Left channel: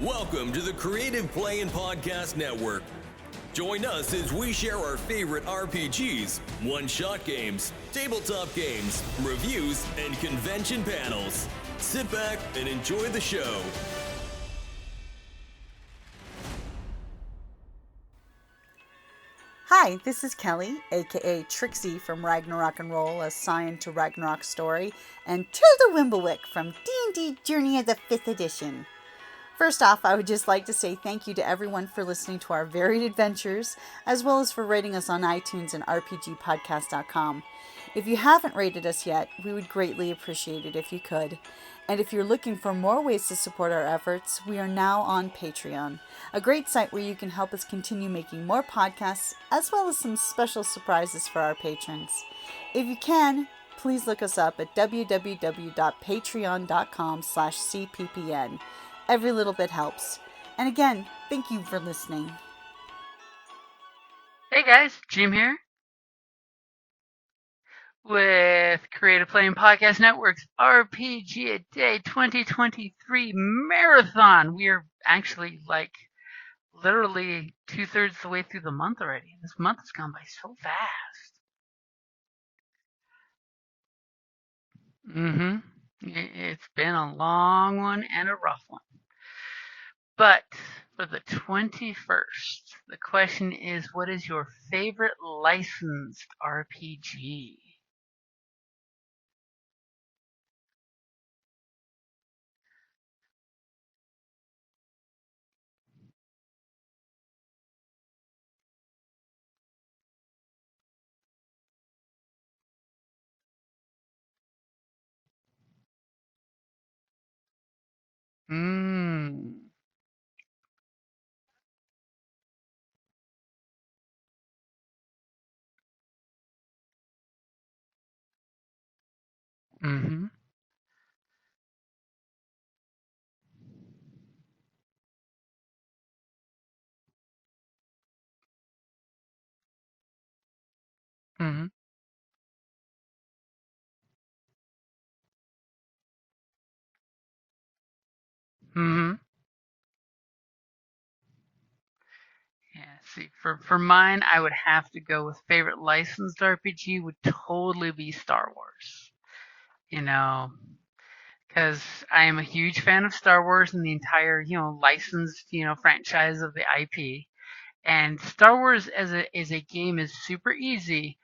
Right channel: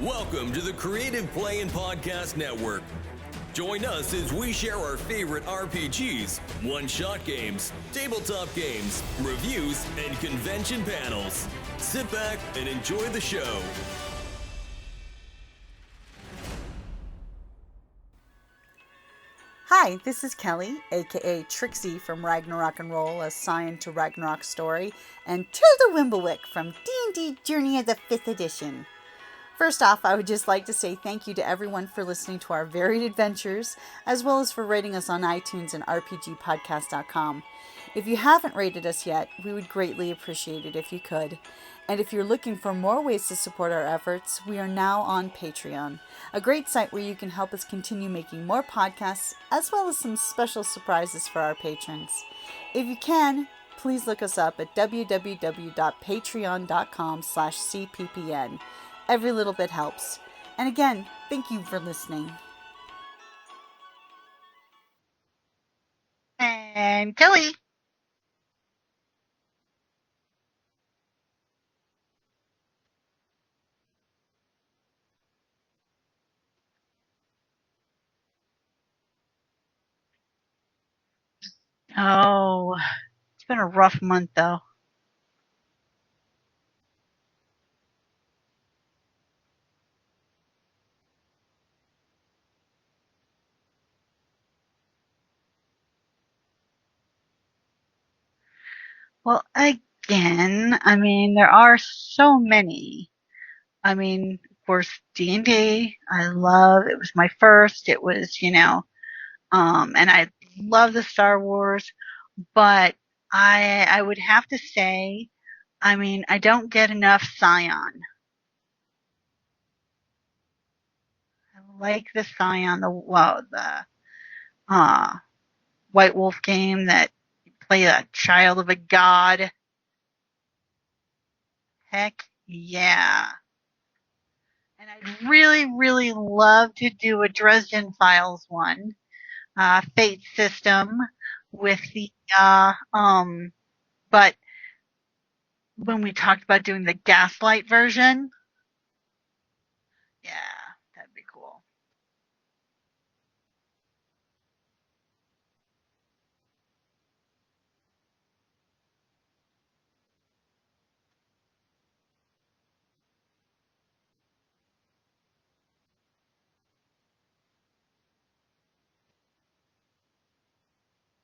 Welcome to the Creative Play and Podcast Network. Join us as we share our favorite RPGs, one-shot games, tabletop games, reviews, and convention panels. Sit back and enjoy the show. Hi, this is Kelly, aka Trixie from Ragnarok and Roll, assigned to Ragnarok Story, and Tilda Wimblewick from D&D Journey of the 5th Edition. First off, I would just like to say thank you to everyone for listening to our varied adventures, as well as for rating us on iTunes and RPGpodcast.com. If you haven't rated us yet, we would greatly appreciate it if you could. And if you're looking for more ways to support our efforts, we are now on Patreon, a great site where you can help us continue making more podcasts, as well as some special surprises for our patrons. If you can, please look us up at www.patreon.com/cppn. Every little bit helps. And again, thank you for listening. Hey guys, Jim here And Kelly with Creative Play and Podcast Network's RPGaDay 2023 Marathon. We are actually literally 2/3 the way through the month already. This month has gone by so fast. Oh, it's been a rough month though. It's been a long one and a rough one. But for the 21st, the question is, what is your favorite licensed RPG? Well, again, there are so many. Of course, D&D, I love, it was my first, it was, and I love the Star Wars, but I would have to say, I don't get enough Scion. I like the Scion, the White Wolf game that you play a child of a god. Heck yeah. And I'd really, really love to do a Dresden Files one, Fate system with the, but when we talked about doing the Gaslight version, yeah, that'd be cool. Yeah, see, for mine, I would have to go with favorite licensed RPG would totally be Star Wars. Because I am a huge fan of Star Wars and the entire, licensed, franchise of the IP. And Star Wars as a game is super easy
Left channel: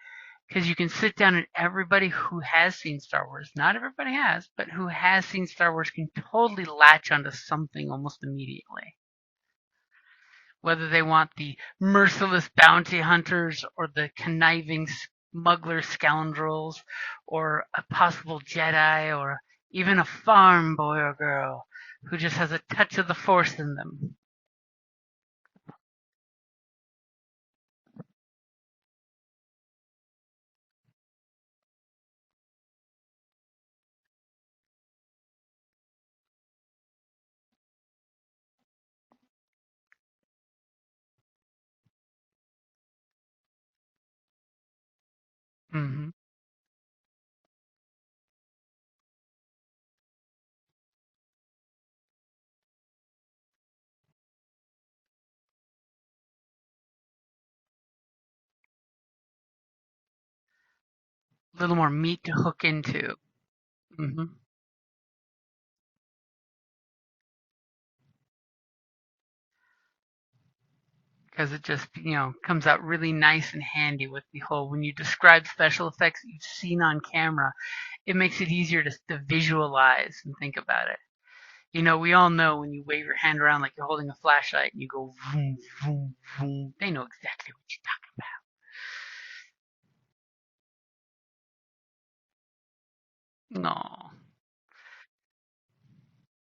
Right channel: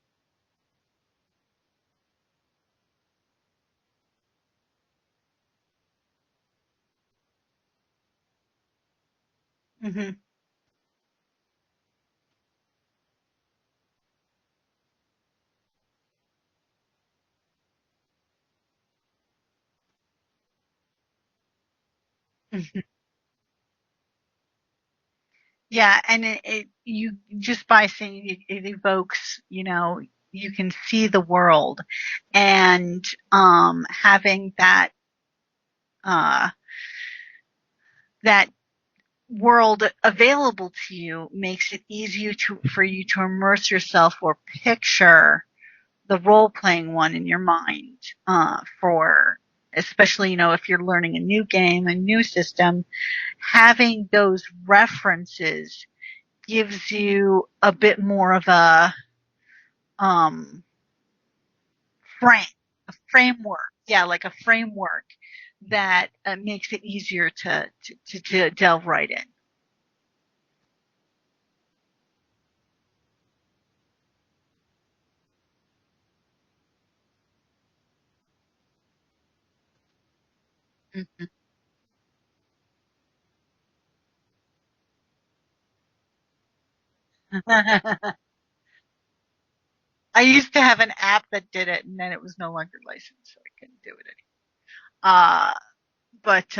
because you can sit down and everybody who has seen Star Wars, not everybody has, but who has seen Star Wars can totally latch onto something almost immediately. Whether they want the merciless bounty hunters or the conniving smuggler scoundrels or a possible Jedi or even a farm boy or girl who just has a touch of the Force in them. Yeah, and you just by saying it evokes, you can see the world, and having that that world available to you makes it easier for you to immerse yourself or picture the role-playing one in your mind, for especially, if you're learning a new game, a new system, having those references gives you a bit more of a little more meat to hook into. Framework. Yeah, like a framework that makes it easier to delve right in. Because it just, comes out really nice and handy with the whole, when you describe special effects that you've seen on camera, it makes it easier to visualize and think about it. We all know when you wave your hand around like you're holding a flashlight and you go vroom, vroom, vroom, they know exactly what you're talking about. I used to have an app that did it, and then it was no longer licensed, so I couldn't do it anymore. But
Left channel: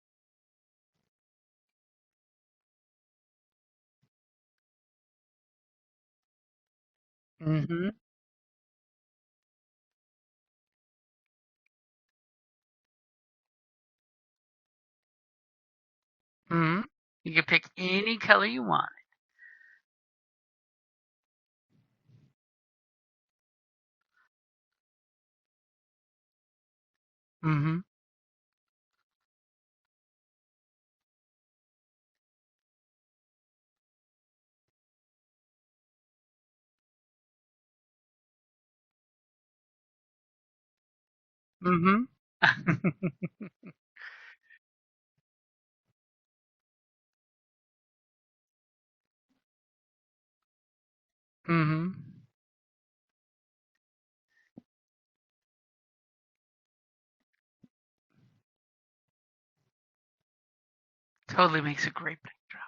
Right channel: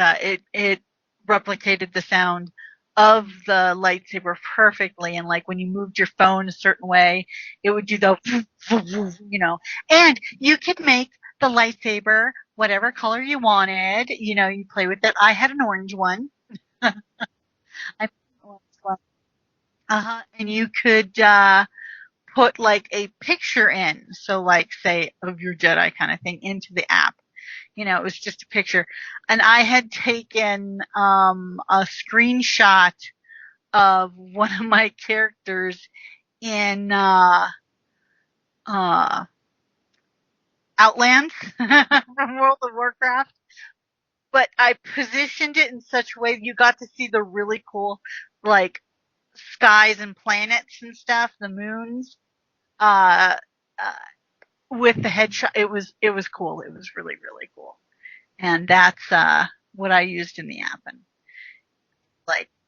it replicated the sound of the lightsaber perfectly, and like when you moved your phone a certain way, it would do the, and you could make the lightsaber whatever color you wanted. You play with it. I had an orange one. You could pick any color you want. And you could put like a picture in, so like say of your Jedi kind of thing into the app, Mm-hmm. It was just a picture. And I had taken a screenshot of one of my characters in Outlands Mm-hmm. from World of Warcraft. But I positioned it in such a way you got to see the really cool, like, skies and planets and stuff, the moons, uh, with the headshot. It was cool. It was really, really cool. And that's what I used in the app. And Totally makes a great backdrop.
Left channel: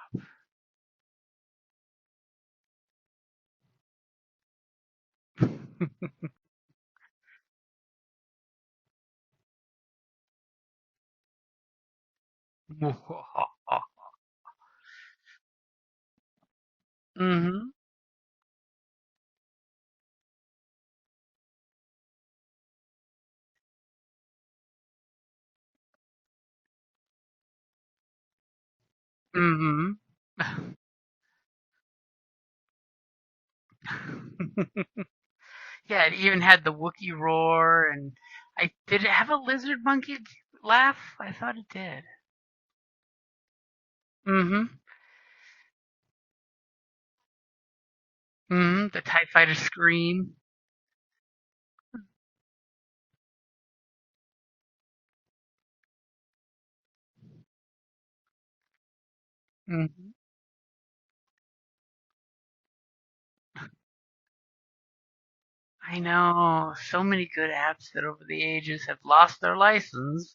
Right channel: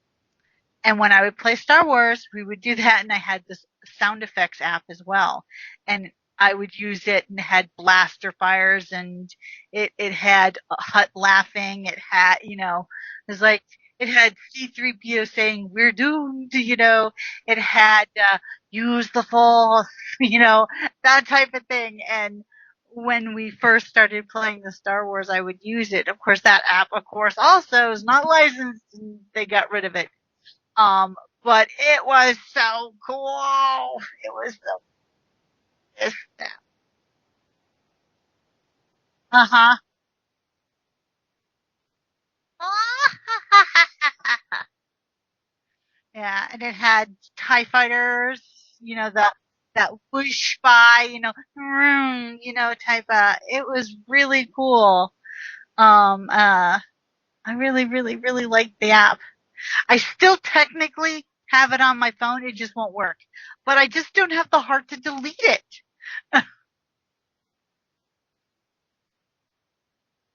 And when I would play Star Wars, we would do that, and I had this sound effects app as well. And I would use it, and it had blaster fires, and it had Hut laughing. It had, it's like, it had C-3PO saying, "We're doomed," It had use the Force, that type of thing. And when we first started playing the Star Wars, I would use it. Of course, that app, also is not licensed, and they got rid of it. But it was so cool. It was so. Yeah, it even had the Wookiee roar, and did it have a lizard monkey laugh? I thought it did. Mm-hmm. Yeah, and it had TIE fighters. The TIE fighter scream. That whoosh by, type of. It was really cool. I really, really, really liked the app. Mm-hmm. I still technically have it on my phone. It just won't work. But I just don't have the heart to delete it. I know. So many good apps that over the ages have lost their license,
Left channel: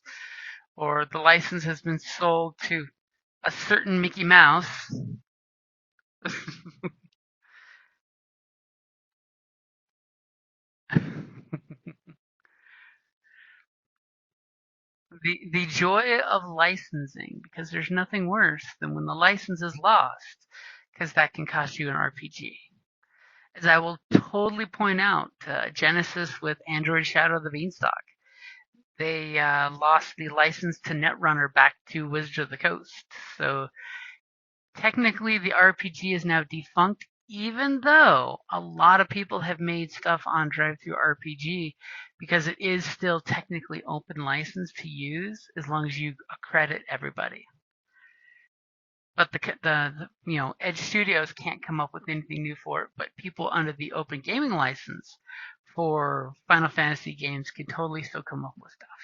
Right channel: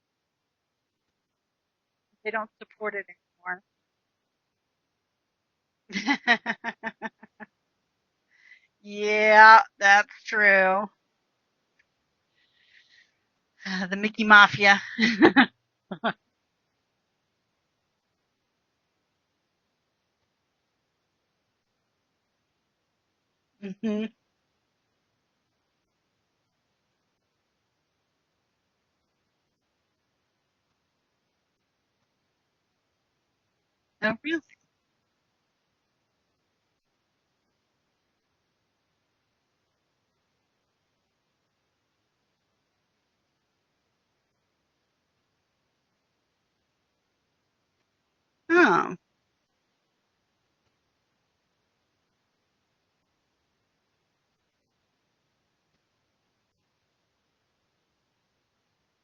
or the license has been sold to a certain Mickey Mouse. Yeah, that's true. The Mickey Mafia. the joy of licensing, because there's nothing worse than when the license is lost, because that can cost you an RPG. As I will totally point out, Genesis with Android Shadow of the Beanstalk, they lost the license to Netrunner back to Wizards of the Coast. So technically the RPG is now defunct, even though a lot of people have made stuff on DriveThru RPG, because it is still technically open license to use as long as you accredit everybody. Oh. But the Edge Studios can't come up with anything new for it, but people under the open gaming license for Final Fantasy games can totally still come up with stuff.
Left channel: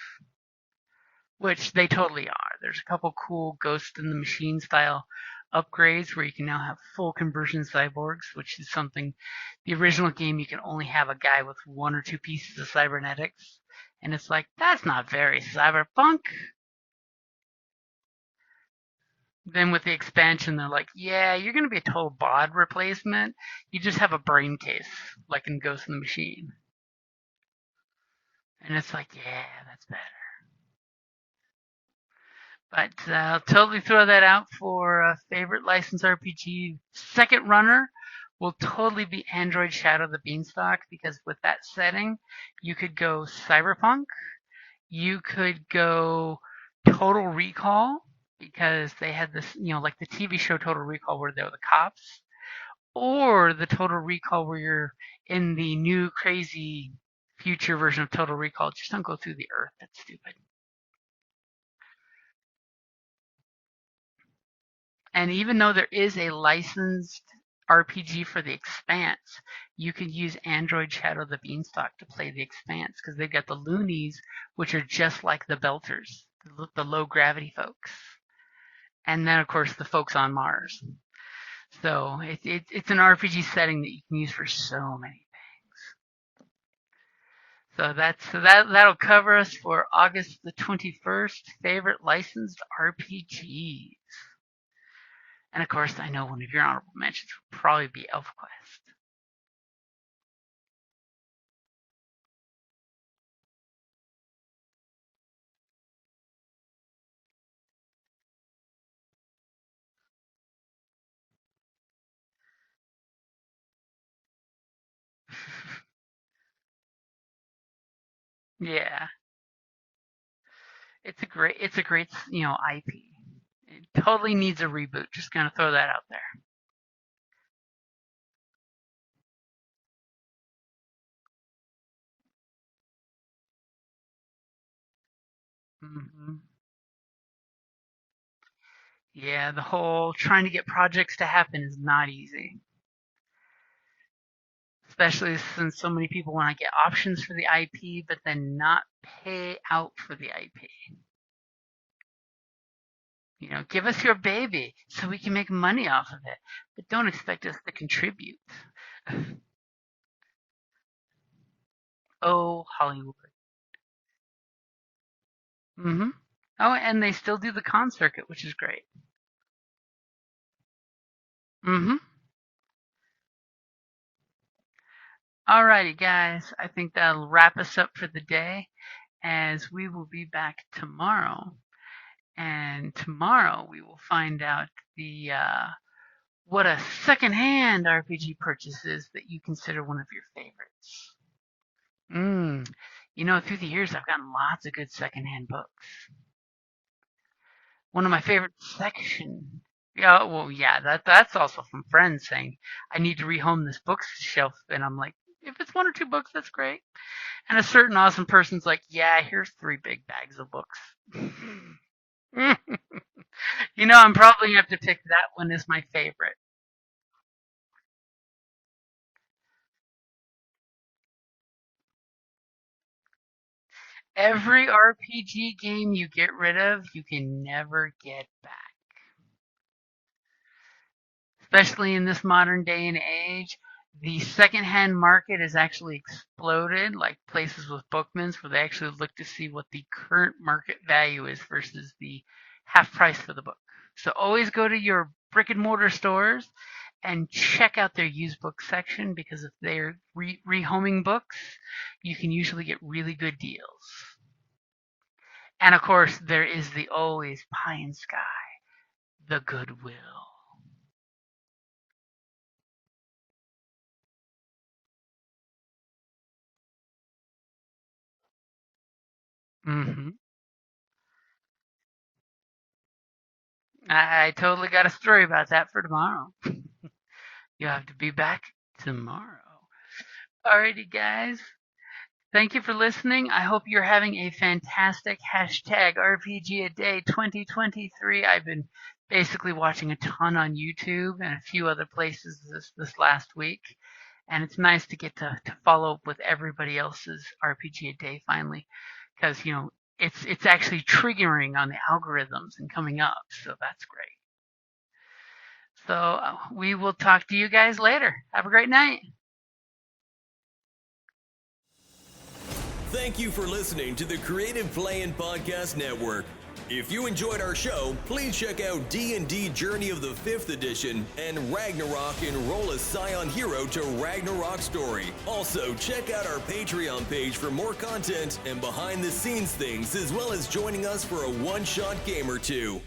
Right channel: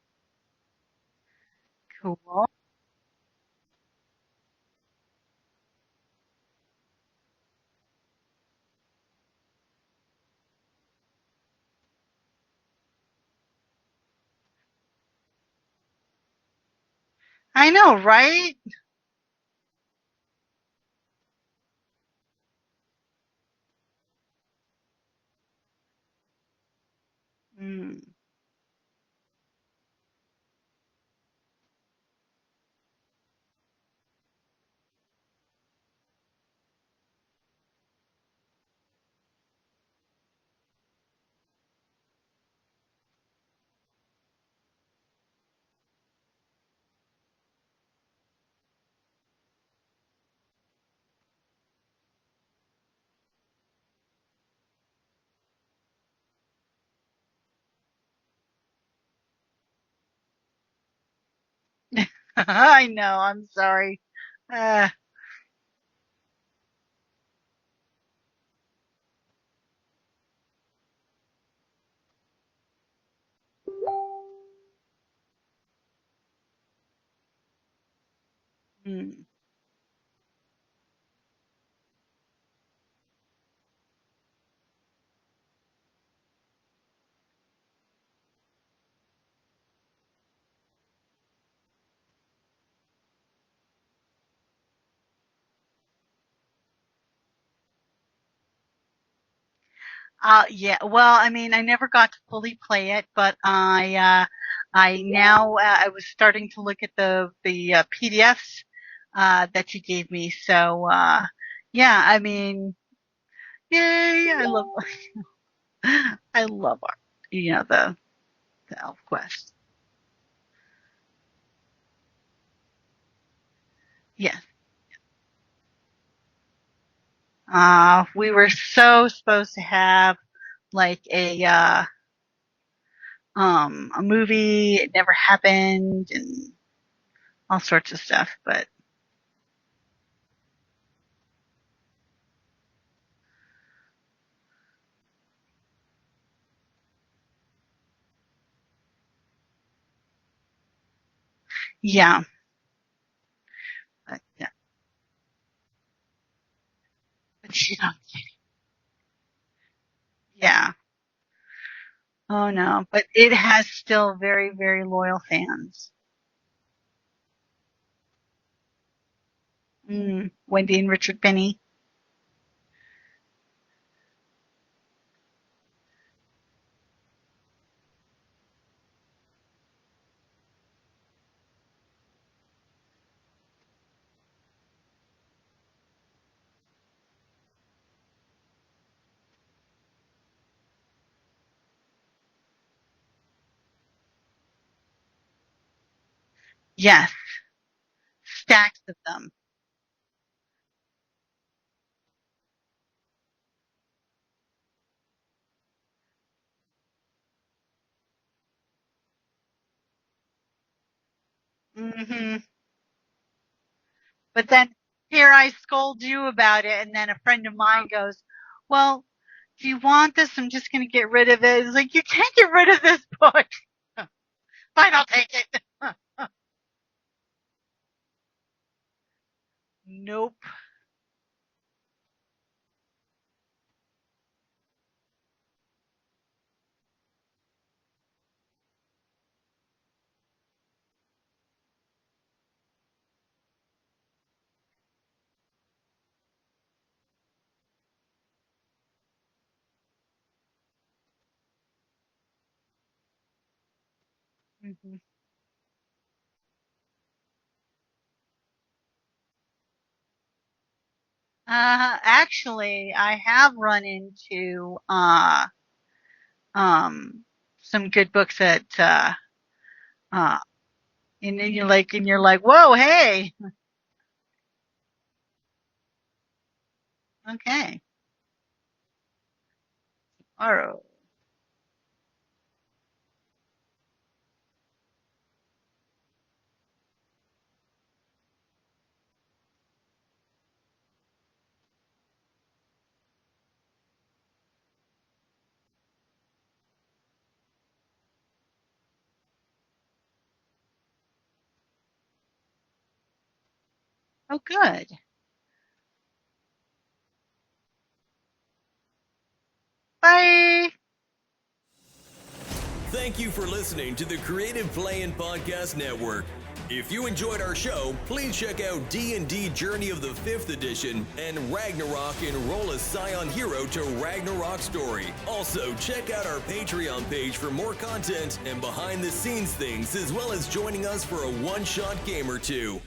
Which they totally are. There's a couple cool Ghost in the Machine style upgrades where you can now have full conversion cyborgs, which is something the original game you can only have a guy with one or two pieces of cybernetics. And it's like, that's not very cyberpunk. I know, right? Then with the expansion, they're like, yeah, you're going to be a total bod replacement. You just have a brain case, like in Ghost in the Machine. Mm. And it's like, yeah, that's better. But I'll totally throw that out for a favorite licensed RPG. Second runner will totally be Android Shadow the Beanstalk, because with that setting, you could go Cyberpunk. You could go Total Recall, because they had this, like the TV show Total Recall where they were the cops, or the Total Recall where you're in the new crazy future version of Total Recall. Just don't go through the earth. That's stupid. I know. I'm sorry. And even though there is a licensed RPG for the Expanse, you could use Android Shadow the Beanstalk to play the Expanse, because they've got the loonies, which are just like the Belters, the low gravity folks. And then, of course, the folks on Mars. So it's an RPG setting that you can use for so many things. So that'll cover us for August the 21st. Favorite licensed RPGs. And of course, I know one of your honorable mentions would probably be ElfQuest. Yeah. Well, I mean, I never got to fully play it, but I was starting to look at the PDFs that you gave me. So yeah, I mean, yay! I love the ElfQuest. It's a great IP. It totally needs a reboot. Just gonna throw that out there. We were so supposed to have like a a movie. It never happened, and all sorts of stuff. But yeah, the whole trying to get projects to happen is not easy. Especially since so many people want to get options for the IP, but then not pay out for the IP. yeah. Give us your baby so we can make money off of it, but don't expect us to contribute. Yeah. Oh no, Hollywood. but it has still very, very loyal fans. Mm-hmm. Oh, and they still do the con circuit, which is great. Wendy and Richard Penny. Mm-hmm. Alrighty, guys. I think that'll wrap us up for the day, as we will be back tomorrow. And tomorrow we will find out what a secondhand RPG purchase is that you consider one of your favorites. Through the years I've gotten lots of good secondhand books. Yes. One of my favorite sections. Yeah, well, yeah, that's also from friends saying I need to rehome this bookshelf, and I'm like, if it's 1 or 2 books, that's great. And a certain awesome person's like, yeah, here's 3 big bags of books. Mm-hmm. I'm probably going to have to pick that here one I as my scold favorite. you about it, and then a friend of mine goes, well, do you want this? I'm just going to get rid of it. It's like, you can't get rid of this book. Every RPG game you get rid of, you can never get back. Nope. Especially in this modern day and age, the secondhand market has actually exploded, like places with bookmans where they actually look to see what the current market value is versus the half price for the book. So always go to your brick and mortar stores and check out their used book section, because if they're rehoming books, you can usually get really good deals. Mm-hmm. And of course, there is the always pie in sky, the Goodwill. Actually, I have run into some good books at and then you're like, whoa, hey. I totally got a story about that for tomorrow. Okay. You have to be back tomorrow. Alrighty, guys. Thank you for listening. I hope you're having a fantastic #RPGaDay 2023. I've been basically watching a ton on YouTube and a few other places this last week. And it's nice to get to follow up with everybody else's RPGaDay finally. Because, it's actually triggering on the algorithms and coming up. So that's great. Oh, good. So we will talk to you guys later. Have a great night. Bye. Thank you for listening to the Creative Play Podcast Network. If you enjoyed our show, please check out D&D Journey of the 5th Edition and Ragnarok Enroll a Scion Hero to Ragnarok Story. Also, check out our Patreon page for more content and behind-the-scenes things, as well as joining us for a one-shot game or two.